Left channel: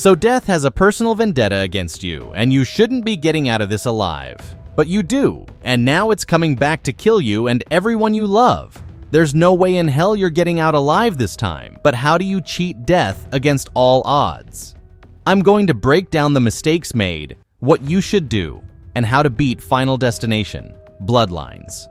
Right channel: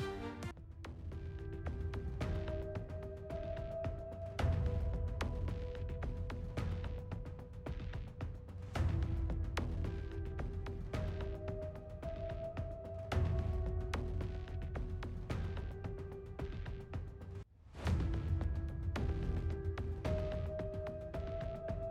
So death has a personal vendetta against you, and you shouldn't be getting out of this alive. But you do, and now it's coming back to kill you and everyone you love. There's no way in hell you're getting out alive this time, but how do you cheat death against all odds? I'm going to break down the mistakes made, what you should do, and how to beat Final Destination, Bloodlines.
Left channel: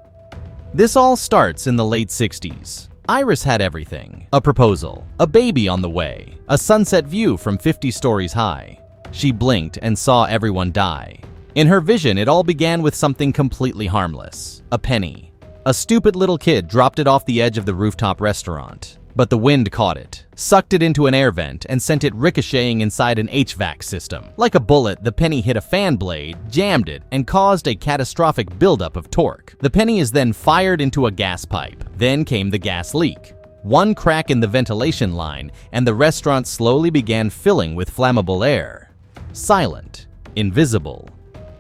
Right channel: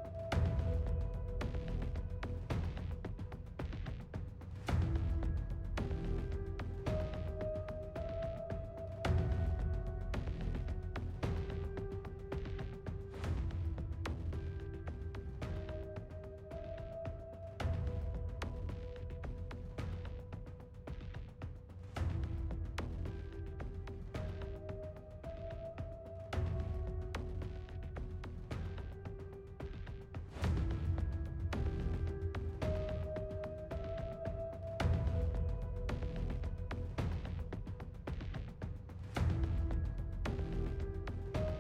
This all starts in the late 60s. Iris had everything: a proposal, a baby on the way, a sunset view from 50 stories high. She blinked and saw everyone die. In her vision, it all began with something completely harmless: a penny. A stupid little kid dropped it off the edge of the rooftop restaurant, but the wind caught it, sucked it into an air vent, and sent it ricocheting inside an HVAC system. Like a bullet, the penny hit a fan blade, jammed it, and caused a catastrophic buildup of torque. The penny is then fired into a gas pipe. Then came the gas leak. One crack in the ventilation line, and the restaurant slowly began filling with flammable air. Silent, invisible,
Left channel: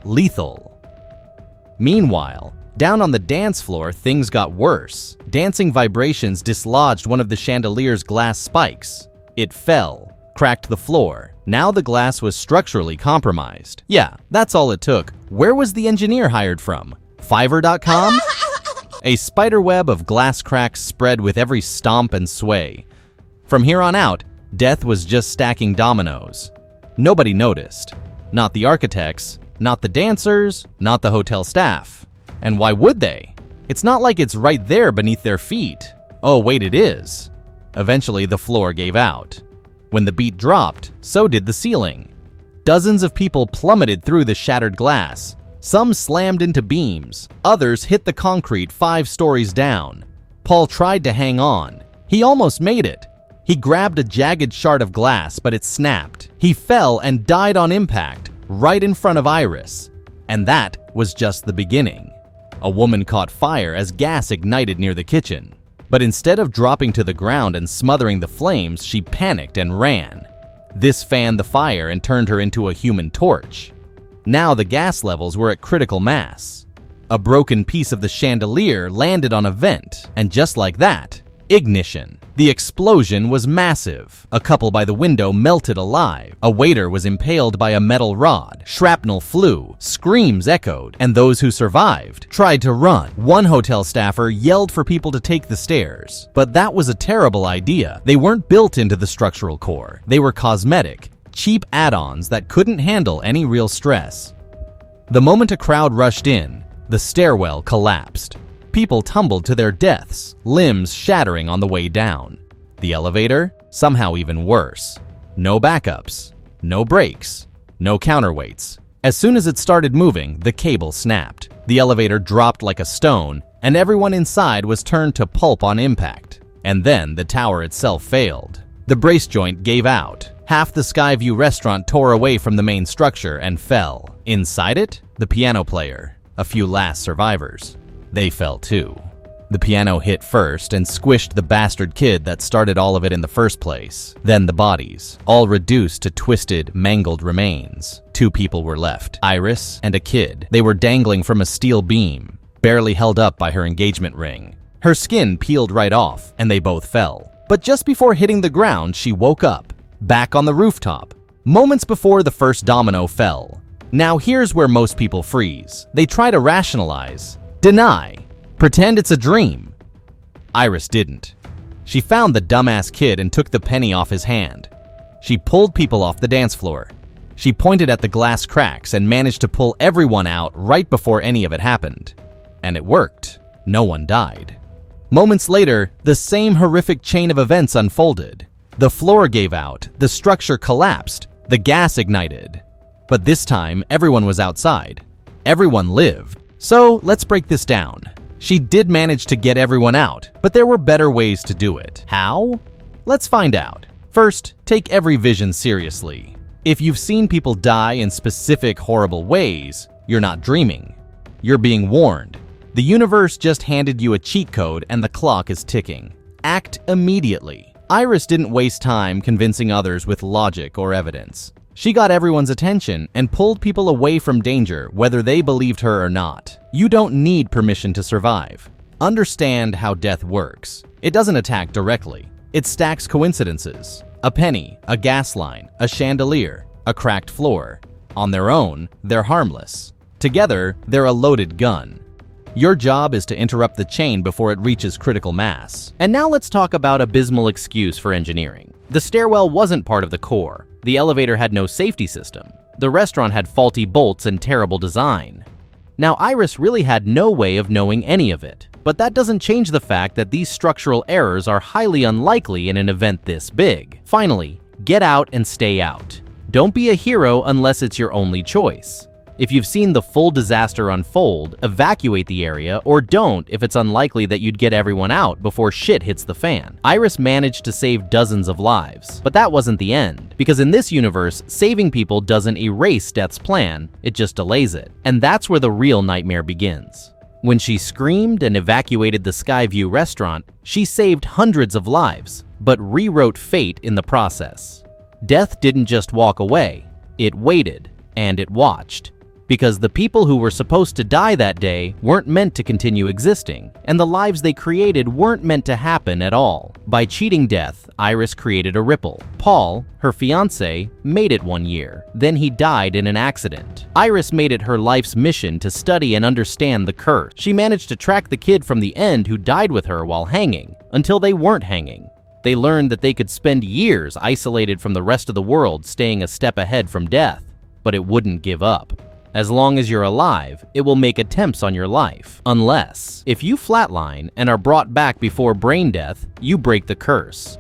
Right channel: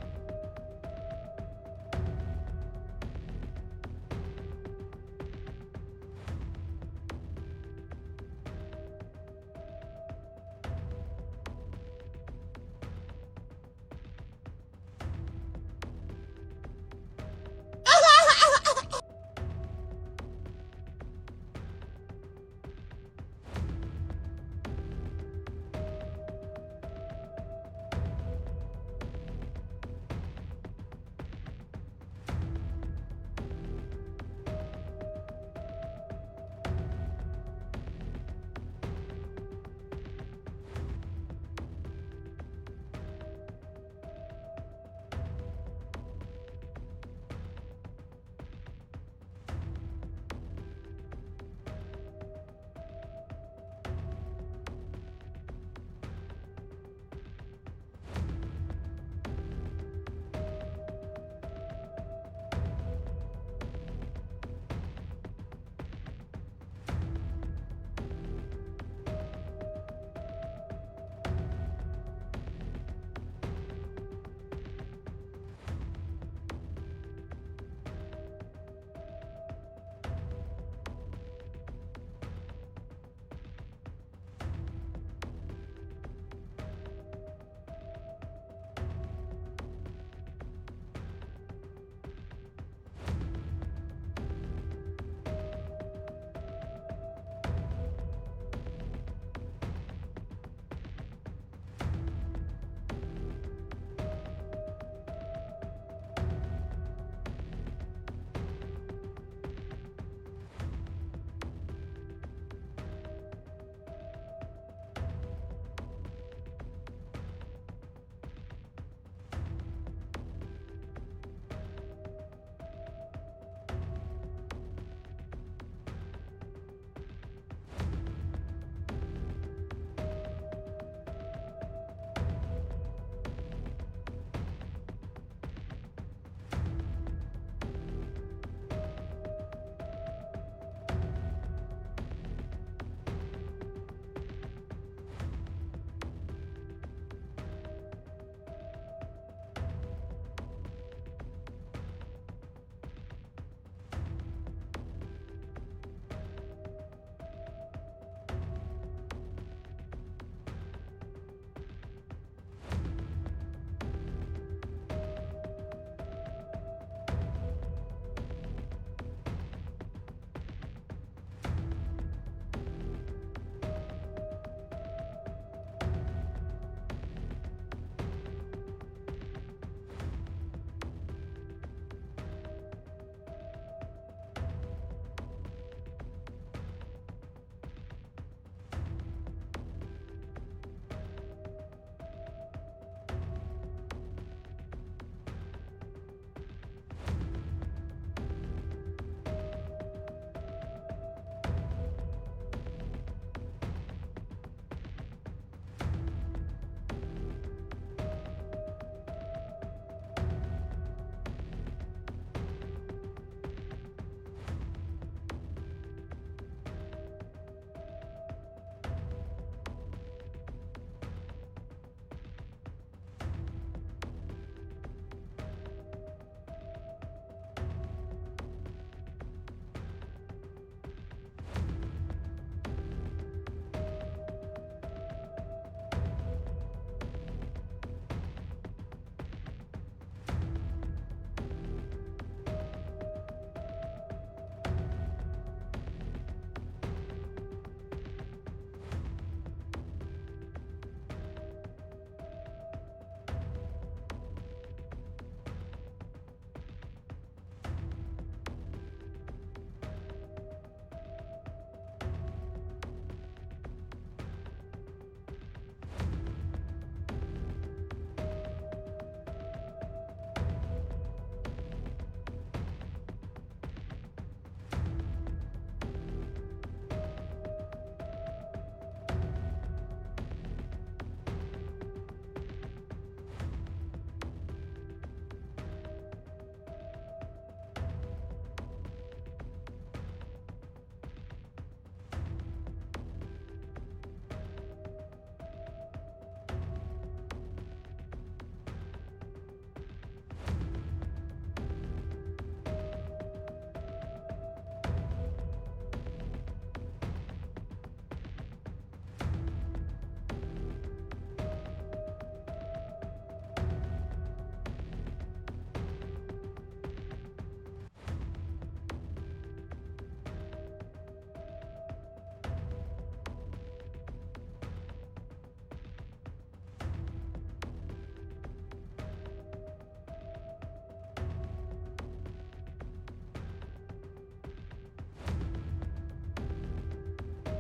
lethal. Meanwhile, down on the dance floor, things got worse. Dancing vibrations dislodged one of the chandelier's glass spikes. It fell, cracked the floor. Now the glass was structurally compromised. Yeah, that's all it took. Where was the engineer hired from? Fiverr.com? A spiderweb of glass cracks spread with every stomp and sway. From here on out, death was just stacking dominoes. Nobody noticed. Not the architects, not the dancers, not the hotel staff. And why would they? It's not like it's right there beneath their feet. Oh, wait, it is. Eventually, the floor gave out. When the beat dropped, so did the ceiling. Dozens of people plummeted through the shattered glass. Some slammed into beams. Others hit the concrete 5 stories down. Paul tried to hang on. He almost made it. He grabbed a jagged shard of glass, but it snapped. He fell and died on impact, right in front of Iris. And that was just the beginning. A woman caught fire as gas ignited near the kitchen. But instead of dropping to the ground and smothering the flames, she panicked and ran. This fanned the fire and turned her into a human torch. Now the gas levels were at critical mass. A broken piece of the chandelier landed on a vent, and just like that, ignition. The explosion was massive. A couple by the window melted alive. A waiter was impaled by a metal rod. Shrapnel flew. Screams echoed. And those who survived tried to run. One hotel staffer yelled for people to take the stairs. But that was a terrible idea. They weren't built into the structural core. They were cosmetic, cheap add-ons that couldn't handle any real stress. The moment a crowd rushed in, the stairwell collapsed. People tumbled to their deaths, limbs shattering on the way down. The elevator? Somehow even worse. No backups, no brakes, no counterweights. As soon as it started moving, the cable snapped. The elevator dropped like a stone, and everyone inside was turned to pulp on impact. And then the tower itself failed. The brace joint gave out. Half the Skyview restaurant tore away from the main structure and fell. Inside it, the piano player, a few last survivors. They fell too. The piano hit first and squished the bastard kid that started all of it in the first place. Then the bodies, all reduced to twisted, mangled remains. 2 people were left, Iris and a kid. They were dangling from a steel beam, barely held up by her engagement ring. Her skin peeled right off, and they both fell. But just before hitting the ground, she woke up, back on the rooftop, moments before the first domino fell. Now here's where most people freeze. They try to rationalize. Deny. Pretend it's a dream. Iris didn't. She found the dumbass kid and took the penny off his hand. She pulled people off the dance floor. She pointed at the glass cracks and managed to pull everyone out right before any of it happened. And it worked. No one died. Moments later, the same horrific chain of events unfolded. The floor gave out, the structure collapsed, the gas ignited. But this time, everyone was outside. Everyone lived. So let's break this down. She did manage to get everyone out, but there were better ways to do it. How? Let's find out. First, take every vision seriously. If you've seen people die in specific horrible ways, you're not dreaming. You're being warned. The universe just handed you a cheat code and the clock is ticking. Act immediately. Iris didn't waste time convincing others with logic or evidence. She got everyone's attention and pulled people away from danger, whether they believed her or not. You don't need permission to survive. Understand how death works. It doesn't attack directly. It stacks coincidences. A penny, a gas line, a chandelier, a cracked floor. On their own, they're harmless. Together, they're a loaded gun. Your job is to interrupt the chain before it reaches critical mass. And now let's talk about abysmal excuse for engineering. The stairwell wasn't part of the core. The elevator had no safety system. The restaurant had faulty bolts and terrible design. Now, Iris really had no way of knowing any of it. But that doesn't change the fact that these structural errors are highly unlikely in an event this big. Finally, get out and stay out. Don't be a hero unless it's your only choice. If you've seen the full disaster unfold, evacuate the area, or don't if it's unlikely that you'd get everyone out before shit hits the fan. Iris managed to save dozens of lives, but that wasn't the end, because in this universe, saving people doesn't erase Death's plan, it just delays it. And that's where the real nightmare begins. When she screamed and evacuated the Skyview restaurant, she saved hundreds of lives, but rewrote fate in the process. Death didn't just walk away, it waited, and it watched. Because the people who were supposed to die that day weren't meant to continue existing, and the lives they created weren't meant to happen at all. By cheating Death, Iris created a ripple. Paul, her fiancé, made it 1 year. Then he died in an accident. Iris made it her life's mission to study and understand the curse. She managed to track the kid from the end who died with her while hanging, until they weren't hanging. They learned that they could spend years isolated from the rest of the world, staying a step ahead from death, but it wouldn't give up. As long as you're alive, it will make attempts on your life. Unless, if you flatline and are brought back before brain death, you break the curse.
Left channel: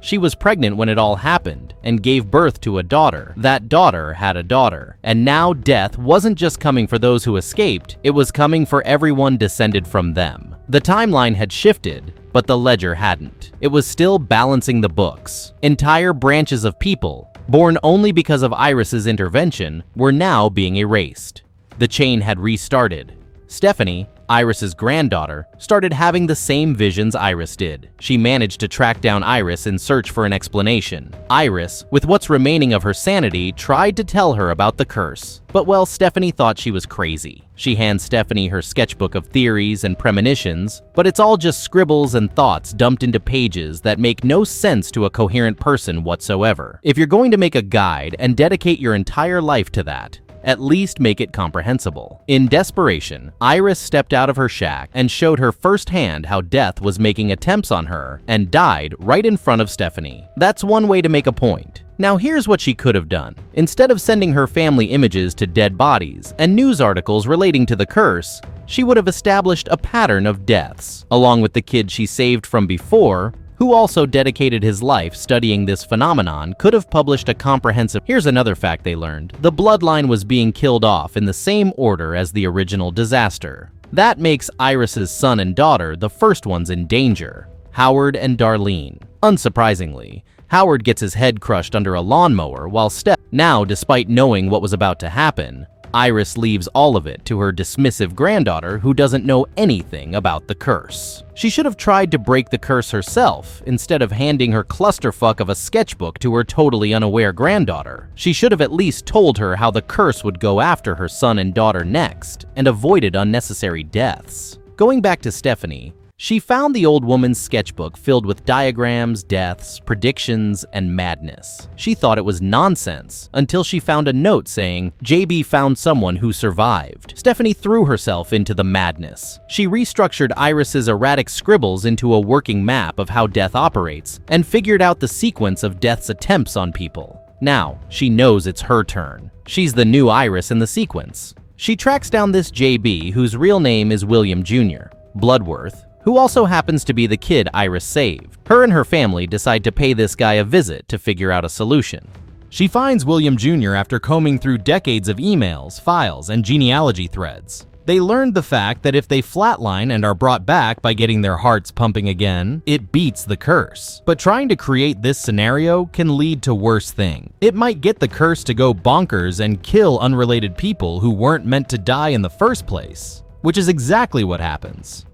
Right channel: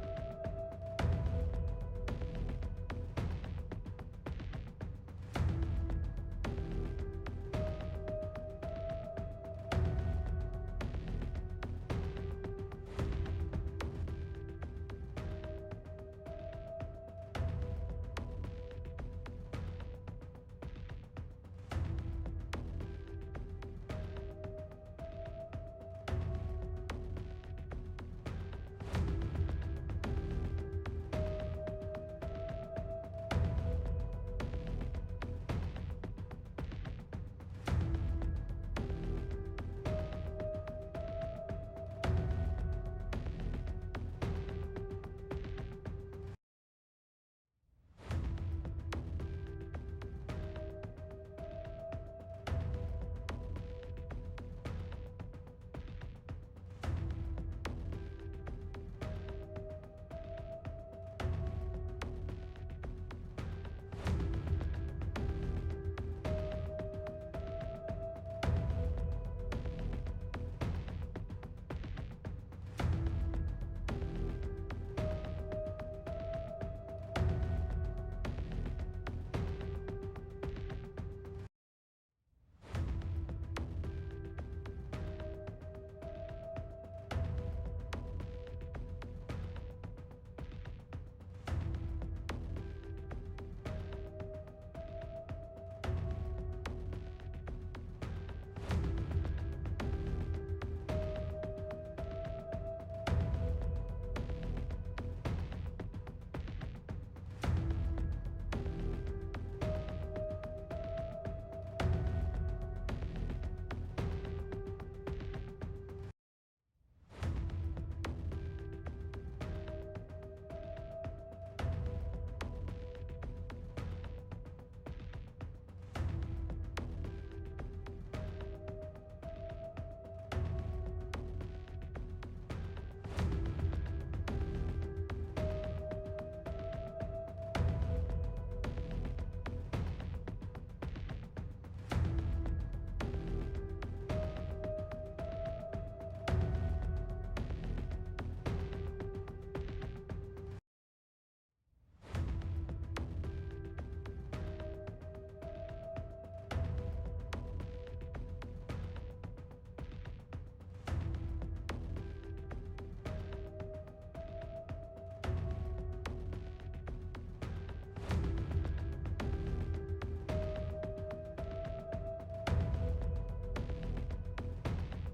She was pregnant when it all happened and gave birth to a daughter. That daughter had a daughter. And now death wasn't just coming for those who escaped, it was coming for everyone descended from them. The timeline had shifted, but the ledger hadn't. It was still balancing the books. Entire branches of people, born only because of Iris's intervention, were now being erased. The chain had restarted. Stephanie, Iris's granddaughter, started having the same visions Iris did. She managed to track down Iris in search for an explanation. Iris, with what's remaining of her sanity, tried to tell her about the curse. But well, Stephanie thought she was crazy. She hands Stephanie her sketchbook of theories and premonitions, but it's all just scribbles and thoughts dumped into pages that make no sense to a coherent person whatsoever. If you're going to make a guide and dedicate your entire life to that, at least make it comprehensible. In desperation, Iris stepped out of her shack and showed her firsthand how Death was making attempts on her and died right in front of Stephanie. That's one way to make a point. Now here's what she could have done. Instead of sending her family images to dead bodies and news articles relating to the curse, she would have established a pattern of deaths, along with the kid she saved from before, who also dedicated his life studying this phenomenon, could have published a comprehensive... Here's another fact they learned. The bloodline was being killed off in the same order as the original disaster. That makes Iris's son and daughter the first ones in danger, Howard and Darlene. Unsurprisingly, Howard gets his head crushed under a lawnmower while Now, despite knowing what was about to happen, Iris leaves all of it to her dismissive granddaughter who doesn't know anything about the curse. She should have tried to break the curse herself instead of handing her clusterfuck of a sketchbook to her totally unaware granddaughter. She should have at least told her how the curse would go after her son and daughter next and avoided unnecessary deaths. Going back to Stephanie, she found the old woman's sketchbook filled with diagrams, deaths, predictions, and madness. She thought it was nonsense until she found a note saying, JB found someone who survived. Stephanie threw herself into the madness. She restructured Iris's erratic scribbles into a working map of how Death operates and figured out the sequence of Death's attempts on people. Now, she knows it's her turn. She's the new Iris in the sequence. She tracks down this JB, whose real name is William Jr. Bloodworth, who also happens to be the kid Iris saved. Her and her family decide to pay this guy a visit to figure out a solution. She finds William Jr. after combing through decades of emails, files, and genealogy threads. They learned the fact that if they flatline and are brought back by getting their hearts pumping again, it beats the curse. But trying to create this scenario can lead to worse things. It might get the curse to go bonkers and kill unrelated people who weren't meant to die in the first place, which is exactly what happens.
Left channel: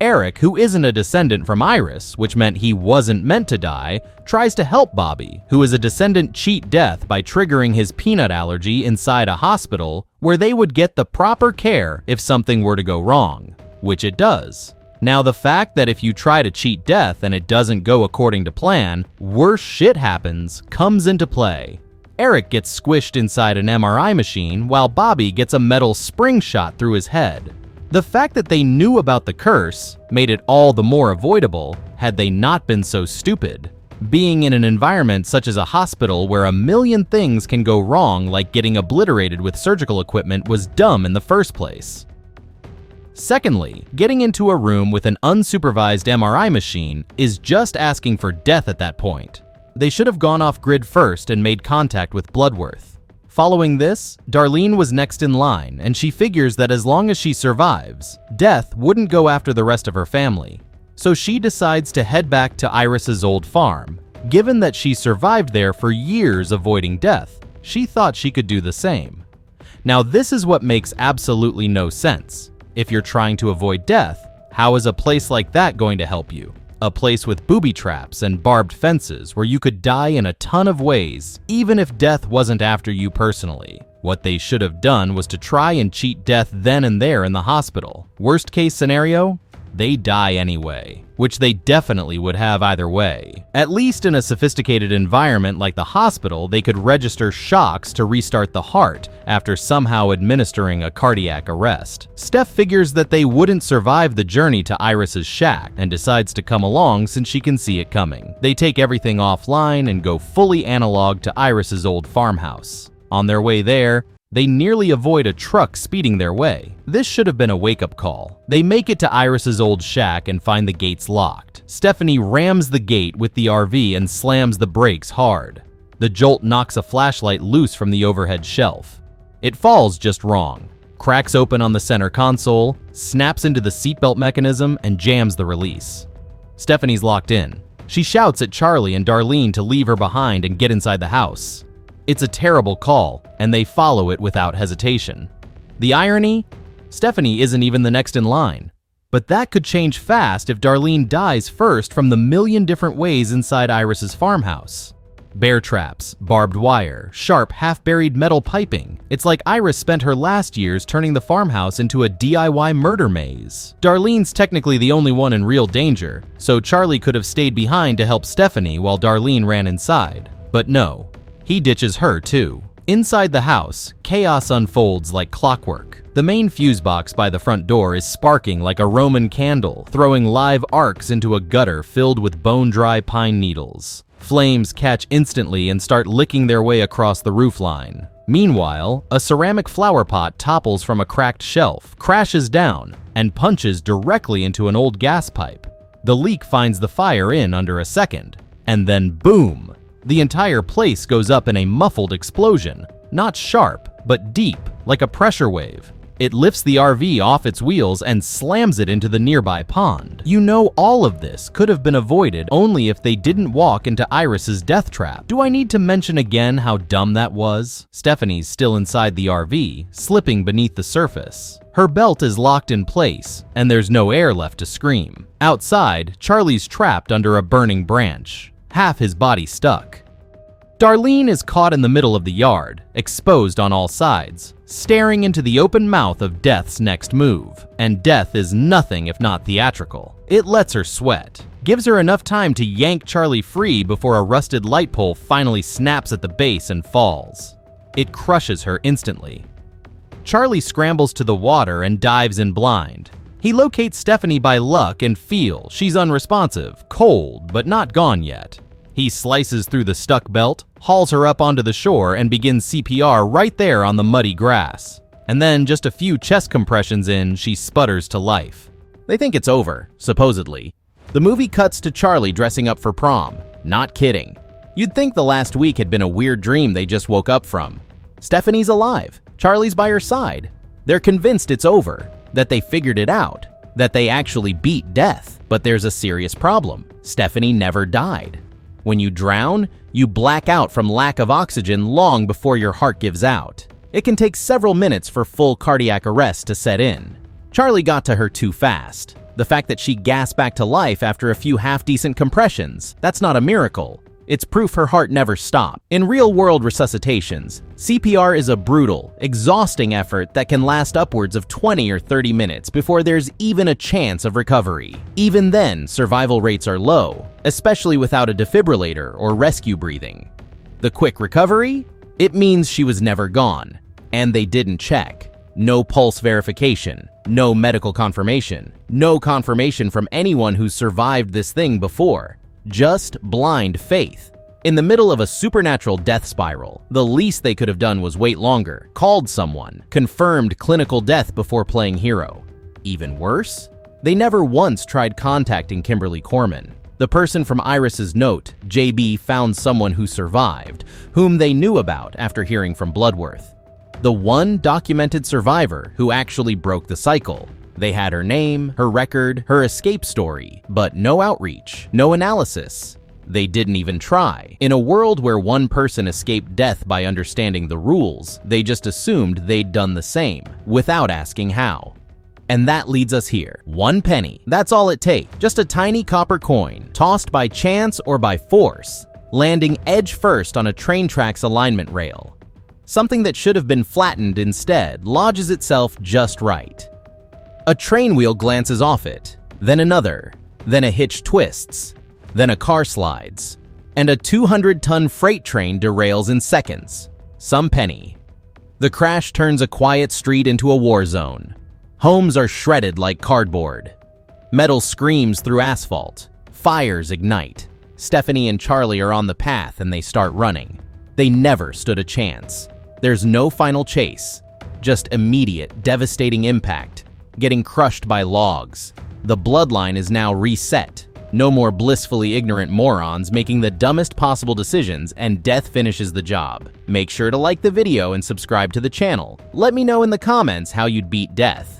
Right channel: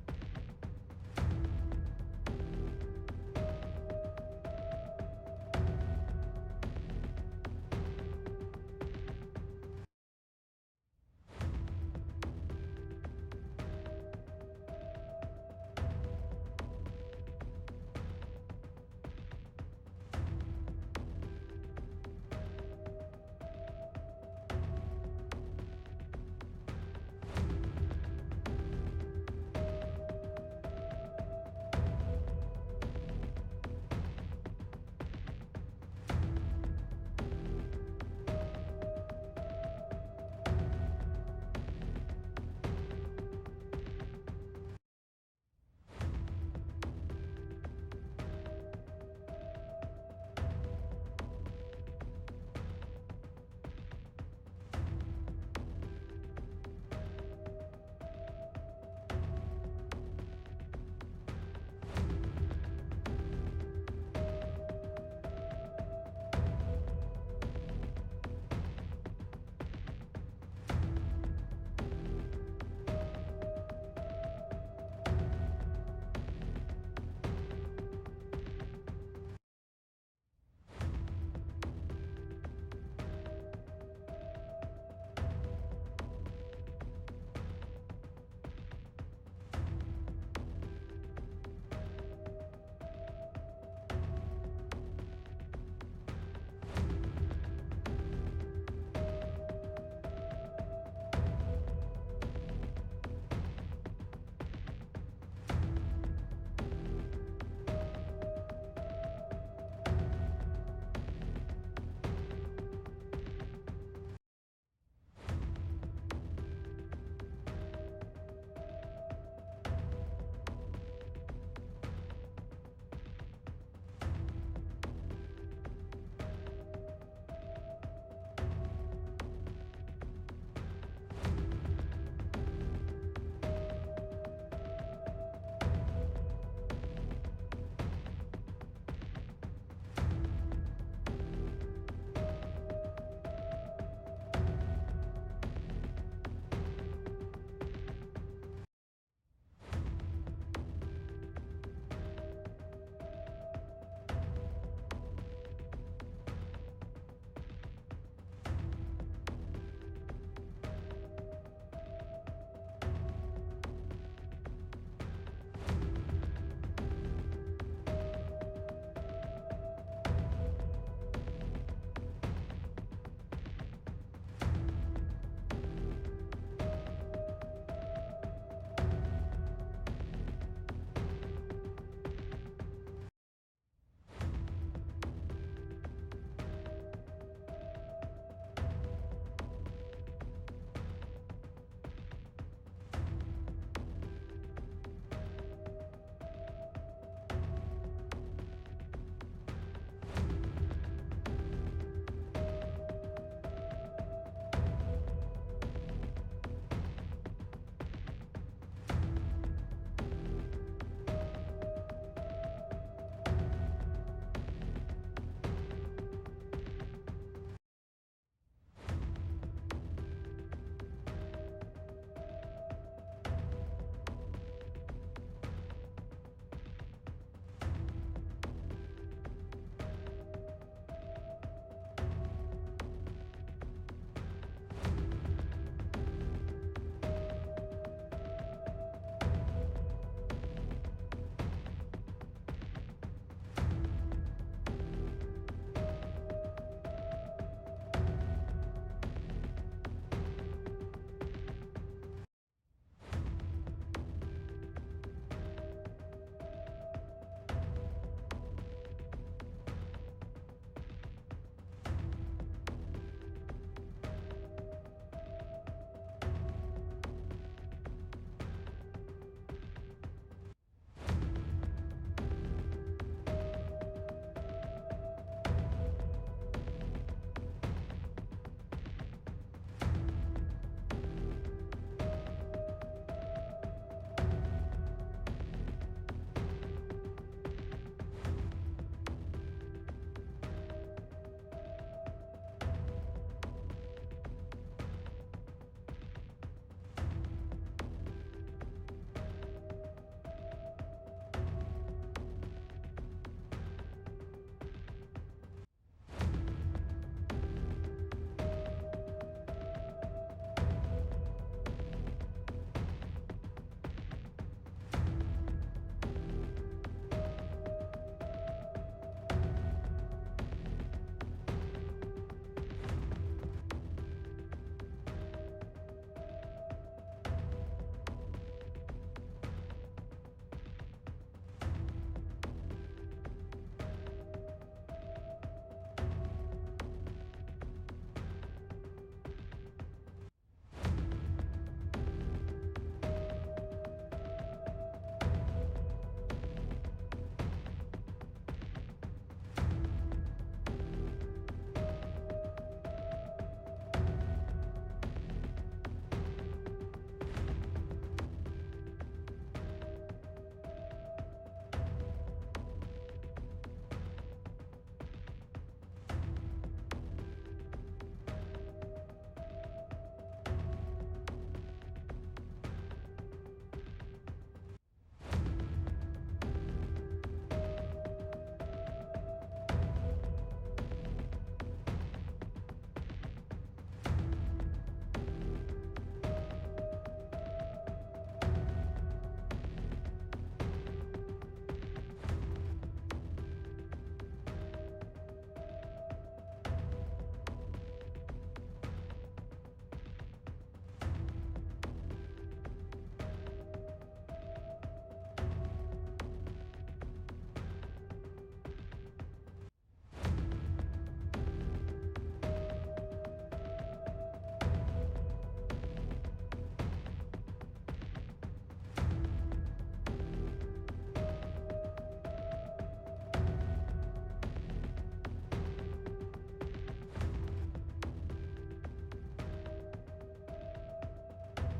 Eric, who isn't a descendant from Iris, which meant he wasn't meant to die, tries to help Bobby, who is a descendant, cheat death by triggering his peanut allergy inside a hospital where they would get the proper care if something were to go wrong, which it does. Now, the fact that if you try to cheat death and it doesn't go according to plan, worse shit happens comes into play. Eric gets squished inside an MRI machine while Bobby gets a metal spring shot through his head. The fact that they knew about the curse made it all the more avoidable had they not been so stupid. Being in an environment such as a hospital where a million things can go wrong, like getting obliterated with surgical equipment, was dumb in the first place. Secondly, getting into a room with an unsupervised MRI machine is just asking for death at that point. They should have gone off-grid first and made contact with Bloodworth. Following this, Darlene was next in line, and she figures that as long as she survives, Death wouldn't go after the rest of her family. So she decides to head back to Iris's old farm. Given that she survived there for years avoiding death, she thought she could do the same. Now, this is what makes absolutely no sense. If you're trying to avoid death, how is a place like that going to help you? A place with booby traps and barbed fences where you could die in a ton of ways, even if death wasn't after you personally. What they should have done was to try and cheat death then and there in the hospital. Worst case scenario, they die anyway, which they definitely would have either way. At least in a sophisticated environment like the hospital, they could register shocks to restart the heart after somehow administering a cardiac arrest. Steph figures that they wouldn't survive the journey to Iris's shack and decides to come along since she can see it coming. They take everything offline and go fully analog to Iris's old farmhouse. On their way there, they nearly avoid a truck speeding their way. This should have been a wake-up call. They make it to Iris's old shack and find the gates locked. Stephanie rams the gate with the RV and slams the brakes hard. The jolt knocks a flashlight loose from the overhead shelf. It falls just wrong, cracks open on the center console, snaps into the seatbelt mechanism, and jams the release. Stephanie's locked in. She shouts at Charlie and Darlene to leave her behind and get inside the house. It's a terrible call, and they follow it without hesitation. The irony? Stephanie isn't even the next in line. But that could change fast if Darlene dies first from the million different ways inside Iris's farmhouse. Bear traps, barbed wire, sharp, half-buried metal piping. It's like Iris spent her last years turning the farmhouse into a DIY murder maze. Darlene's technically the only one in real danger, so Charlie could have stayed behind to help Stephanie while Darlene ran inside. But no. He ditches her too. Inside the house, chaos unfolds like clockwork. The main fuse box by the front door is sparking like a Roman candle, throwing live arcs into a gutter filled with bone-dry pine needles. Flames catch instantly and start licking their way across the roofline. Meanwhile, a ceramic flower pot topples from a cracked shelf, crashes down, and punches directly into an old gas pipe. The leak finds the fire in under a second, and then boom! The entire place goes up in a muffled explosion, not sharp, but deep, like a pressure wave. It lifts the RV off its wheels and slams it into the nearby pond. You know all of this could have been avoided only if they didn't walk into Iris's death trap. Do I need to mention again how dumb that was? Stephanie's still inside the RV, slipping beneath the surface. Her belt is locked in place, and there's no air left to scream. Outside, Charlie's trapped under a burning branch, half his body stuck. Darlene is caught in the middle of the yard, exposed on all sides, staring into the open mouth of Death's next move. And Death is nothing if not theatrical. It lets her sweat, gives her enough time to yank Charlie free before a rusted light pole finally snaps at the base and falls. It crushes her instantly. Charlie scrambles to the water and dives in blind. He locates Stephanie by luck and feels she's unresponsive, cold, but not gone yet. He slices through the stuck belt, hauls her up onto the shore, and begins CPR right there on the muddy grass. And then, just a few chest compressions in, she sputters to life. They think it's over, supposedly. The movie cuts to Charlie dressing up for prom. Not kidding. You'd think the last week had been a weird dream they just woke up from. Stephanie's alive. Charlie's by her side. They're convinced it's over, that they figured it out, that they actually beat death. But there's a serious problem. Stephanie never died. When you drown, you black out from lack of oxygen long before your heart gives out. It can take several minutes for full cardiac arrest to set in. Charlie got to her too fast. The fact that she gasped back to life after a few half-decent compressions, that's not a miracle. It's proof her heart never stopped. In real-world resuscitations, CPR is a brutal, exhausting effort that can last upwards of 20 or 30 minutes before there's even a chance of recovery. Even then, survival rates are low, especially without a defibrillator or rescue breathing. The quick recovery? It means she was never gone, and they didn't check. No pulse verification, no medical confirmation, no confirmation from anyone who's survived this thing before. Just blind faith. In the middle of a supernatural death spiral, the least they could have done was wait longer, called someone, confirmed clinical death before playing hero. Even worse? They never once tried contacting Kimberly Corman. The person from Iris's note, JB found someone who survived, whom they knew about after hearing from Bloodworth. The one documented survivor who actually broke the cycle. They had her name, her record, her escape story, but no outreach, no analysis. They didn't even try. In a world where one person escaped death by understanding the rules, they just assumed they'd done the same, without asking how. And that leads us here. 1 penny. That's all it takes. Just a tiny copper coin, tossed by chance or by force, landing edge first on a train track's alignment rail. Something that should have been flattened instead lodges itself just right. A train wheel glances off it, then another, then a hitch twists, then a car slides, and a 200-ton freight train derails in seconds. Some penny. The crash turns a quiet street into a war zone. Homes are shredded like cardboard. Metal screams through asphalt. Fires ignite. Stephanie and Charlie are on the path and they start running. They never stood a chance. There's no final chase, just immediate, devastating impact, getting crushed by logs. The bloodline is now reset. No more blissfully ignorant morons making the dumbest possible decisions, and death finishes the job. Make sure to like the video and subscribe to the channel. Let me know in the comments how you'd beat death.